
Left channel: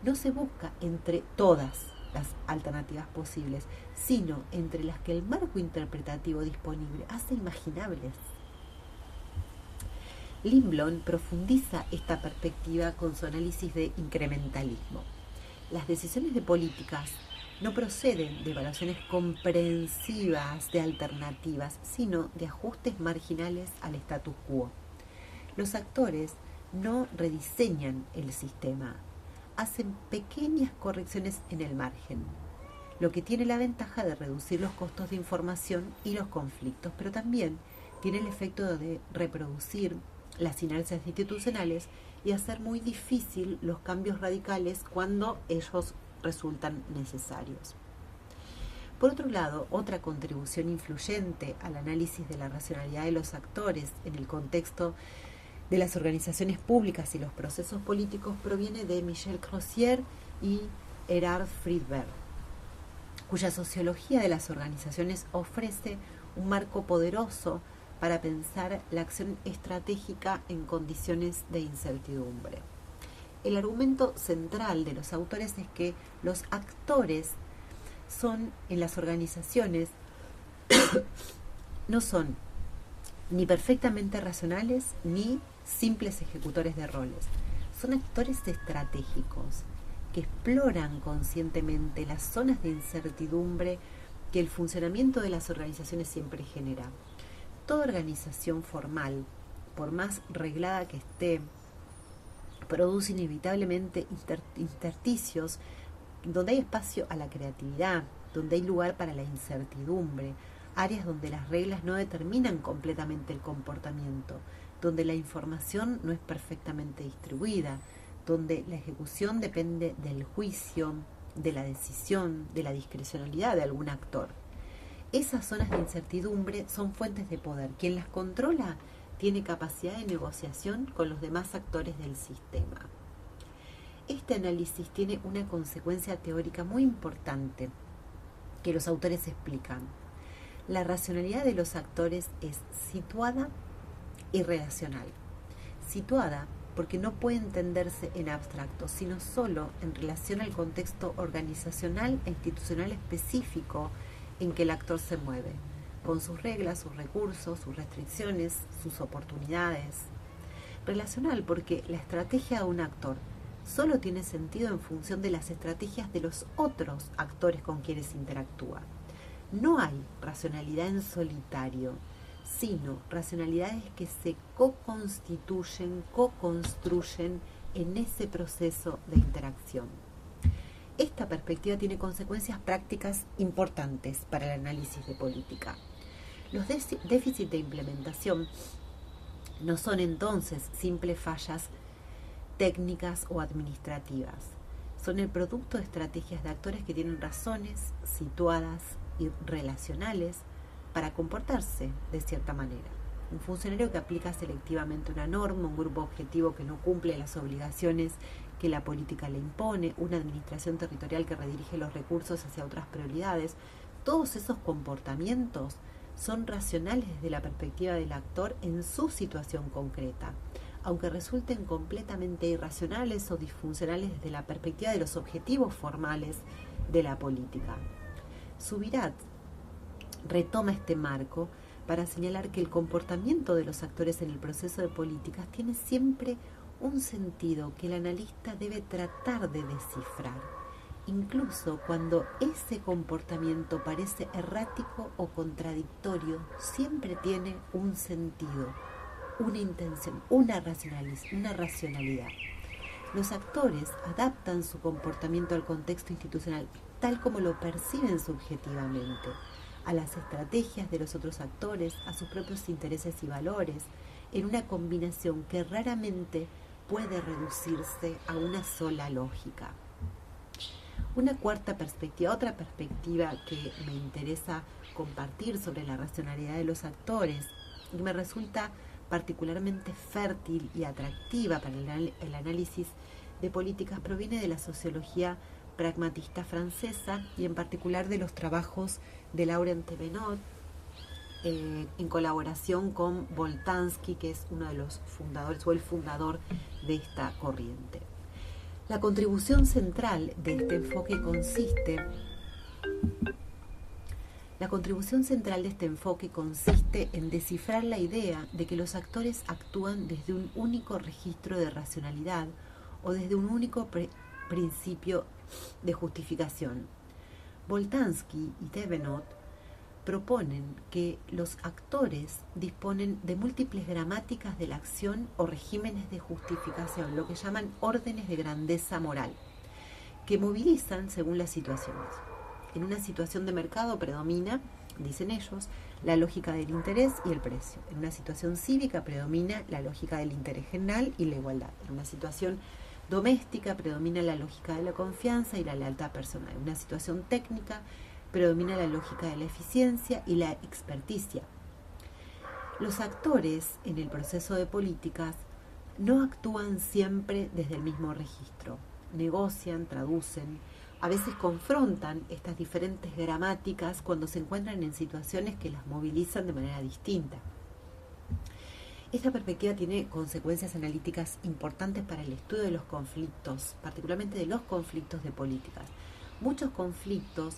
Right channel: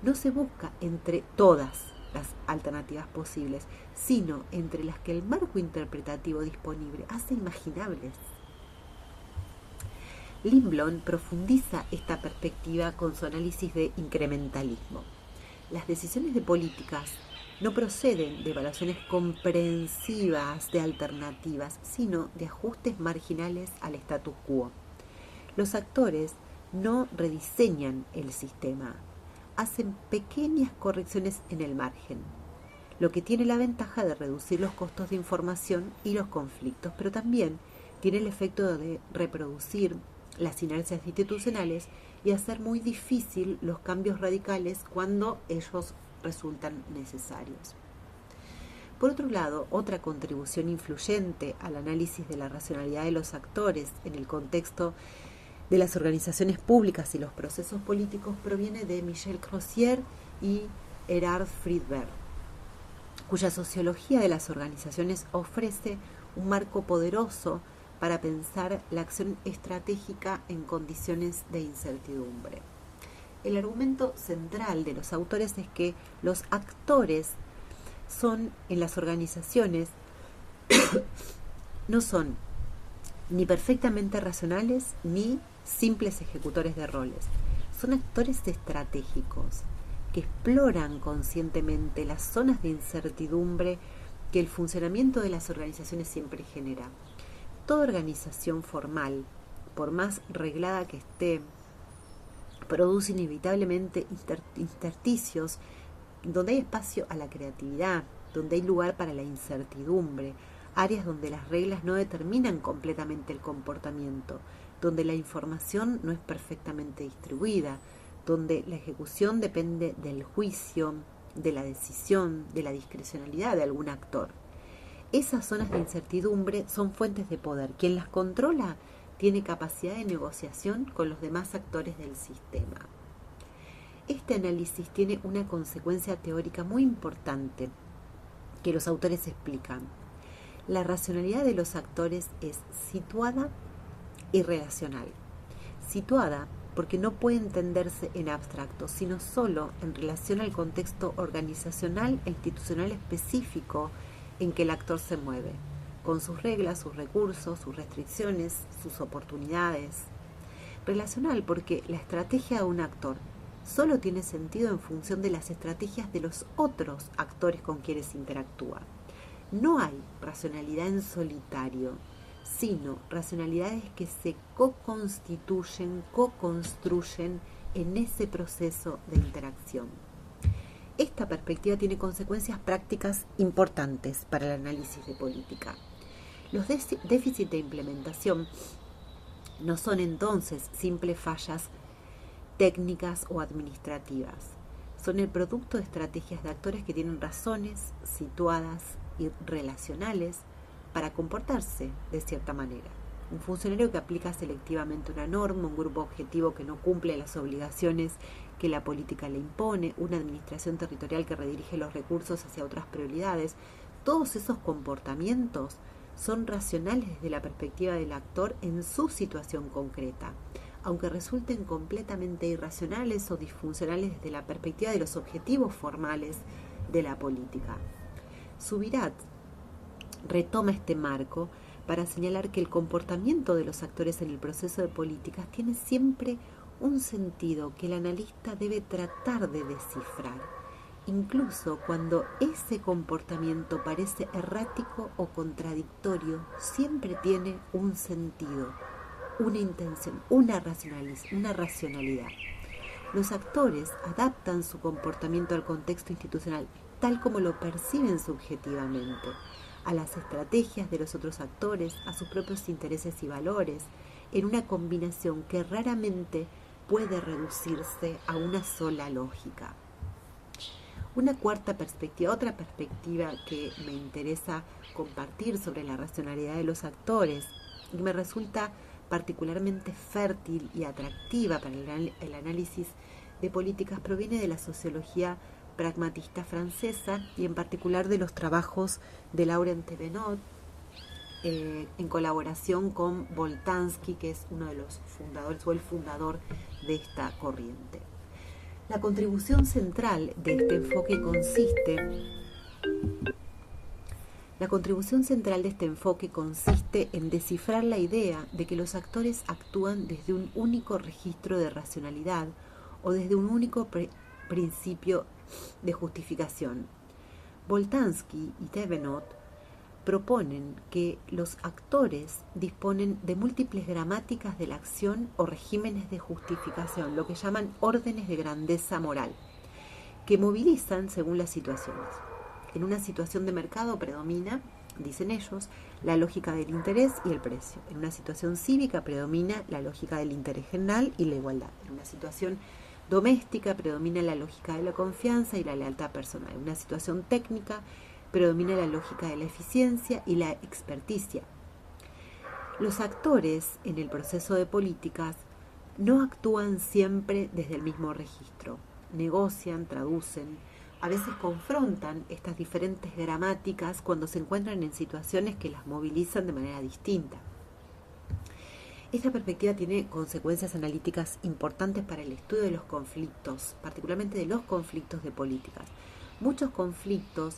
No se busca entre todas las alternativas posibles, sino entre las que el marco interpretativo disponible hace imaginables. Lindblom profundiza esta perspectiva con su análisis de incrementalismo. Las decisiones de políticas no proceden de evaluaciones comprensivas de alternativas, sino de ajustes marginales al status quo. Los actores no rediseñan el sistema, hacen pequeñas correcciones en el margen, lo que tiene la ventaja de reducir los costos de información y los conflictos, pero también tiene el efecto de reproducir las inercias institucionales y hacer muy difícil los cambios radicales cuando ellos resultan necesarios. Por otro lado, otra contribución influyente al análisis de la racionalidad de los actores en el contexto de las organizaciones públicas y los procesos políticos proviene de Michel Crozier y Erhard Friedberg, cuya sociología de las organizaciones ofrece un marco poderoso para pensar la acción estratégica en condiciones de incertidumbre. El argumento central de los autores es que los actores en las organizaciones no son ni perfectamente racionales ni simples ejecutores de roles. Son actores estratégicos que exploran conscientemente las zonas de incertidumbre que el funcionamiento de las organizaciones siempre genera. Toda organización formal, por más reglada que esté, produce inevitablemente intersticios donde hay espacio a la creatividad, donde hay lugar para la incertidumbre, áreas donde las reglas no determinan completamente el comportamiento, donde la información no es perfectamente distribuida, donde la ejecución depende del juicio, de la decisión, de la discrecionalidad de algún actor. Esas zonas de incertidumbre son fuentes de poder. Quien las controla tiene capacidad de negociación con los demás actores del sistema. Este análisis tiene una consecuencia teórica muy importante que los autores explican. La racionalidad de los actores es situada y relacional. Situada porque no puede entenderse en abstracto, sino solo en relación al contexto organizacional e institucional específico en que el actor se mueve. con sus reglas, sus recursos, sus restricciones, sus oportunidades. Relacional porque la estrategia de un actor solo tiene sentido en función de las estrategias de los otros actores con quienes interactúa. No hay racionalidad en solitario, sino racionalidades que se co-constituyen, co-construyen en ese proceso de interacción. Esta perspectiva tiene consecuencias prácticas importantes para el análisis de política. Los déficits de implementación no son entonces simples fallas técnicas o administrativas. Son el producto de estrategias de actores que tienen razones situadas y relacionales para comportarse de cierta manera. Un funcionario que aplica selectivamente una norma, un grupo objetivo que no cumple las obligaciones que la política le impone, una administración territorial que redirige los recursos hacia otras prioridades, todos esos comportamientos son racionales desde la perspectiva del actor en su situación concreta, aunque resulten completamente irracionales o disfuncionales desde la perspectiva de los objetivos formales de la política. Subirats retoma este marco para señalar que el comportamiento de los actores en el proceso de políticas tiene siempre un sentido que el analista debe tratar de descifrar, incluso cuando ese comportamiento parece errático o contradictorio, siempre tiene un sentido, una intención, una racionalidad. Los actores adaptan su comportamiento al contexto institucional tal como lo perciben subjetivamente, a las estrategias de los otros actores, a sus propios intereses y valores, en una combinación que raramente puede reducirse a una sola lógica. Una cuarta perspectiva, otra perspectiva que me interesa compartir sobre la racionalidad de los actores y me resulta particularmente fértil y atractiva para el análisis de políticas proviene de la sociología pragmatista francesa y en particular de los trabajos de Laurent Thévenot en colaboración con Boltanski, que es uno de los fundadores o el fundador de esta corriente. La contribución central de este enfoque consiste en descifrar la idea de que los actores actúan desde un único registro de racionalidad o desde un único principio de justificación. Boltanski y Thévenot proponen que los actores disponen de múltiples gramáticas de la acción o regímenes de justificación, lo que llaman órdenes de grandeza moral, que movilizan según las situaciones. En una situación de mercado predomina, dicen ellos, la lógica del interés y el precio. En una situación cívica predomina la lógica del interés general y la igualdad. En una situación doméstica predomina la lógica de la confianza y la lealtad personal. En una situación técnica predomina la lógica de la eficiencia y la experticia. Los actores en el proceso de políticas no actúan siempre desde el mismo registro. Negocian, traducen, a veces confrontan estas diferentes gramáticas cuando se encuentran en situaciones que las movilizan de manera distinta. Esta perspectiva tiene consecuencias analíticas importantes para el estudio de los conflictos, particularmente de los conflictos de políticas. Muchos conflictos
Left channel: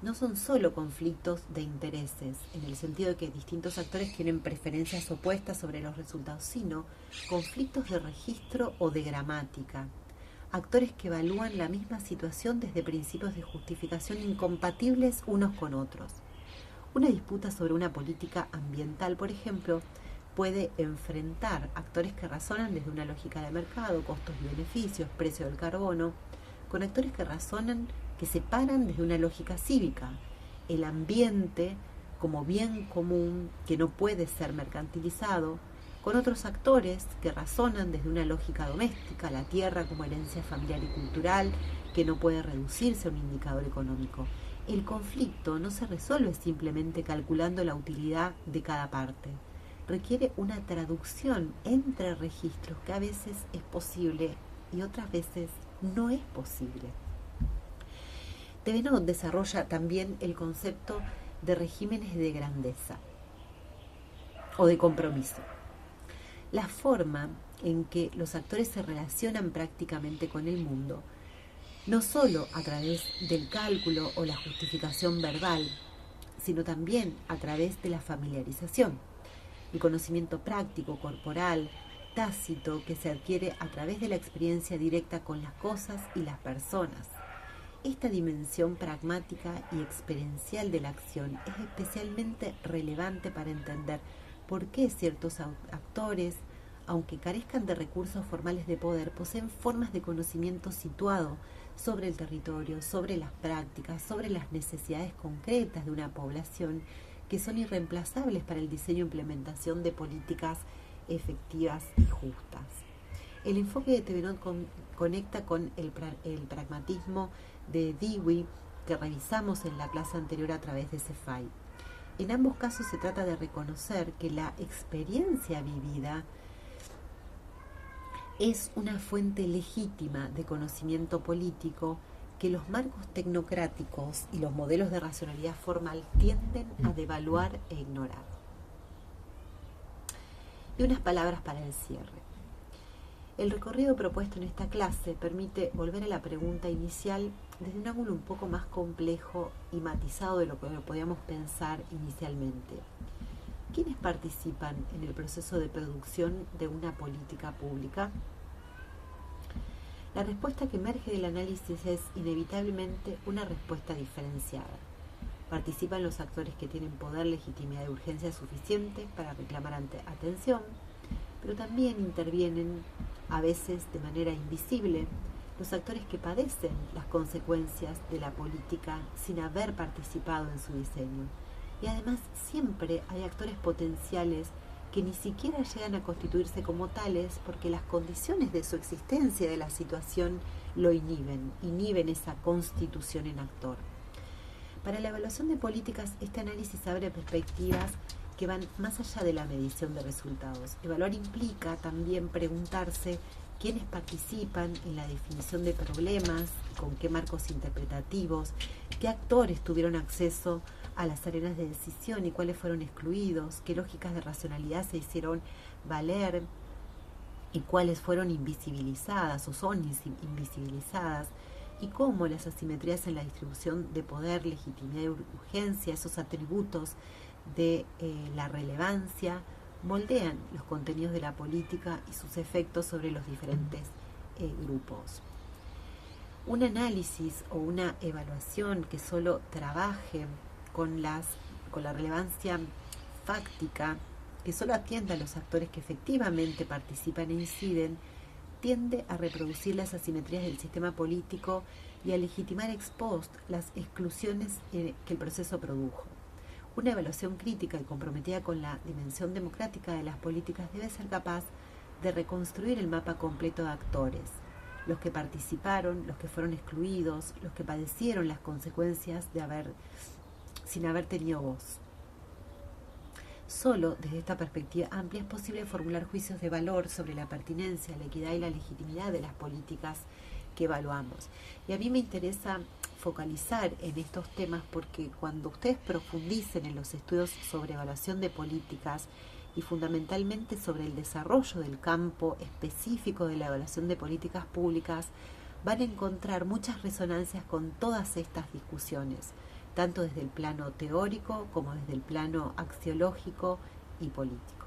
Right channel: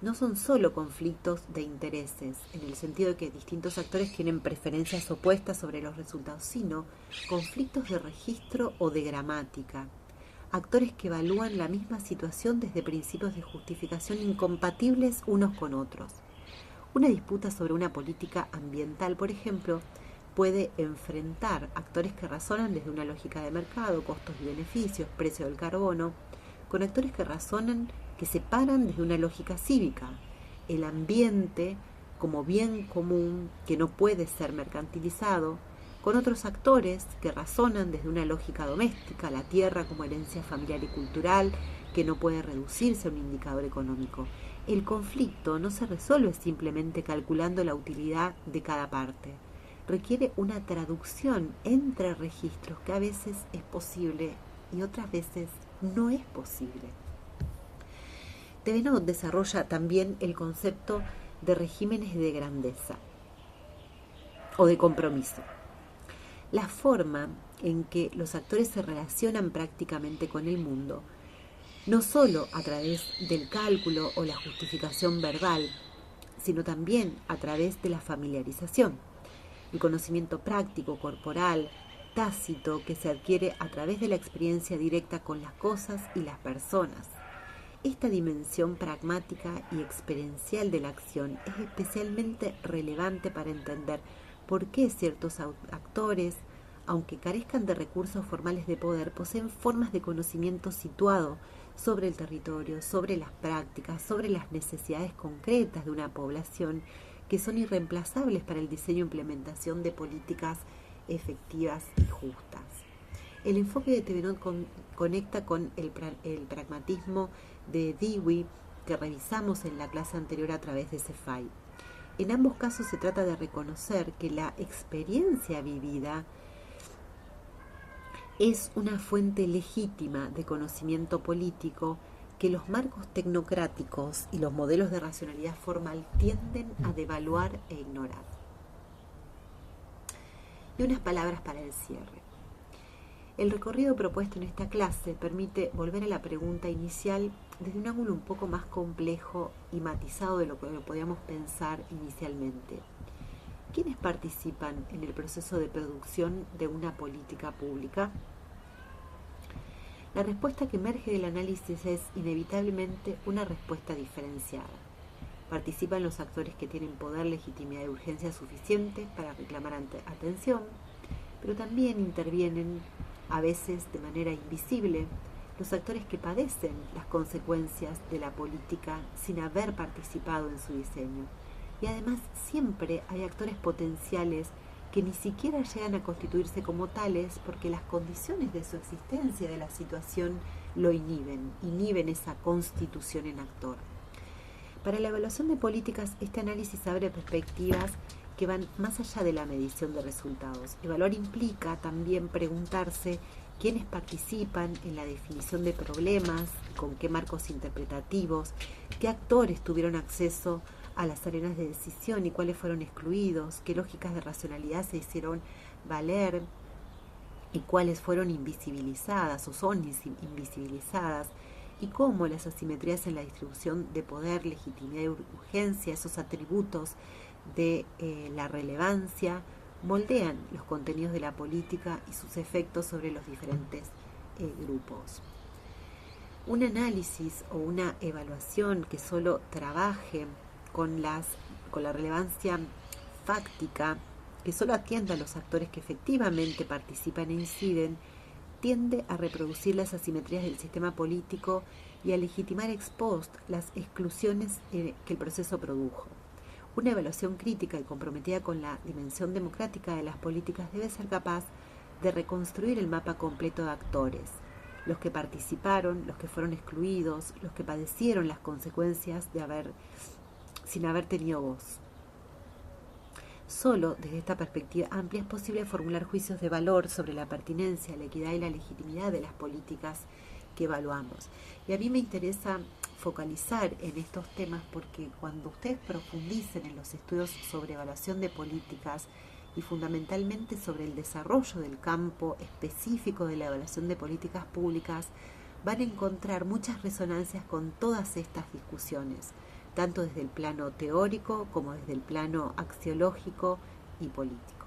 no son solo conflictos de intereses, en el sentido de que distintos actores tienen preferencias opuestas sobre los resultados, sino conflictos de registro o de gramática. Actores que evalúan la misma situación desde principios de justificación incompatibles unos con otros. Una disputa sobre una política ambiental, por ejemplo, puede enfrentar actores que razonan desde una lógica de mercado, costos y beneficios, precio del carbono, con actores que se paran desde una lógica cívica, el ambiente como bien común que no puede ser mercantilizado, con otros actores que razonan desde una lógica doméstica, la tierra como herencia familiar y cultural, que no puede reducirse a un indicador económico. El conflicto no se resuelve simplemente calculando la utilidad de cada parte. Requiere una traducción entre registros que a veces es posible y otras veces no es posible. Thévenot desarrolla también el concepto de regímenes de grandeza o de compromiso. La forma en que los actores se relacionan prácticamente con el mundo, no solo a través del cálculo o la justificación verbal, sino también a través de la familiarización, el conocimiento práctico, corporal, tácito, que se adquiere a través de la experiencia directa con las cosas y las personas. Esta dimensión pragmática y experiencial de la acción es especialmente relevante para entender por qué ciertos actores, aunque carezcan de recursos formales de poder, poseen formas de conocimiento situado sobre el territorio, sobre las prácticas, sobre las necesidades concretas de una población que son irreemplazables para el diseño e implementación de políticas efectivas y justas. El enfoque de Thevenot conecta con el pragmatismo de Dewey que revisamos en la clase anterior a través de Cephai. En ambos casos se trata de reconocer que la experiencia vivida es una fuente legítima de conocimiento político que los marcos tecnocráticos y los modelos de racionalidad formal tienden a devaluar e ignorar. Y unas palabras para el cierre. El recorrido propuesto en esta clase permite volver a la pregunta inicial desde un ángulo un poco más complejo y matizado de lo que podíamos pensar inicialmente. ¿Quiénes participan en el proceso de producción de una política pública? La respuesta que emerge del análisis es inevitablemente una respuesta diferenciada. Participan los actores que tienen poder, legitimidad y urgencia suficiente para reclamar atención, pero también intervienen, a veces de manera invisible, los actores que padecen las consecuencias de la política sin haber participado en su diseño. Y además siempre hay actores potenciales que ni siquiera llegan a constituirse como tales porque las condiciones de su existencia, de la situación, lo inhiben esa constitución en actor. Para la evaluación de políticas, este análisis abre perspectivas que van más allá de la medición de resultados. Evaluar implica también preguntarse quiénes participan en la definición de problemas, con qué marcos interpretativos, qué actores tuvieron acceso a las arenas de decisión y cuáles fueron excluidos, qué lógicas de racionalidad se hicieron valer y cuáles fueron invisibilizadas o son invisibilizadas, y cómo las asimetrías en la distribución de poder, legitimidad y urgencia, esos atributos de la relevancia, moldean los contenidos de la política y sus efectos sobre los diferentes grupos. Un análisis o una evaluación que solo trabaje con la relevancia fáctica, que solo atienda a los actores que efectivamente participan e inciden, tiende a reproducir las asimetrías del sistema político y a legitimar ex post las exclusiones que el proceso produjo. Una evaluación crítica y comprometida con la dimensión democrática de las políticas debe ser capaz de reconstruir el mapa completo de actores, los que participaron, los que fueron excluidos, los que padecieron las consecuencias sin haber tenido voz. Solo desde esta perspectiva amplia es posible formular juicios de valor sobre la pertinencia, la equidad y la legitimidad de las políticas que evaluamos. Y a mí me interesa focalizar en estos temas porque cuando ustedes profundicen en los estudios sobre evaluación de políticas y fundamentalmente sobre el desarrollo del campo específico de la evaluación de políticas públicas, van a encontrar muchas resonancias con todas estas discusiones, tanto desde el plano teórico como desde el plano axiológico y político.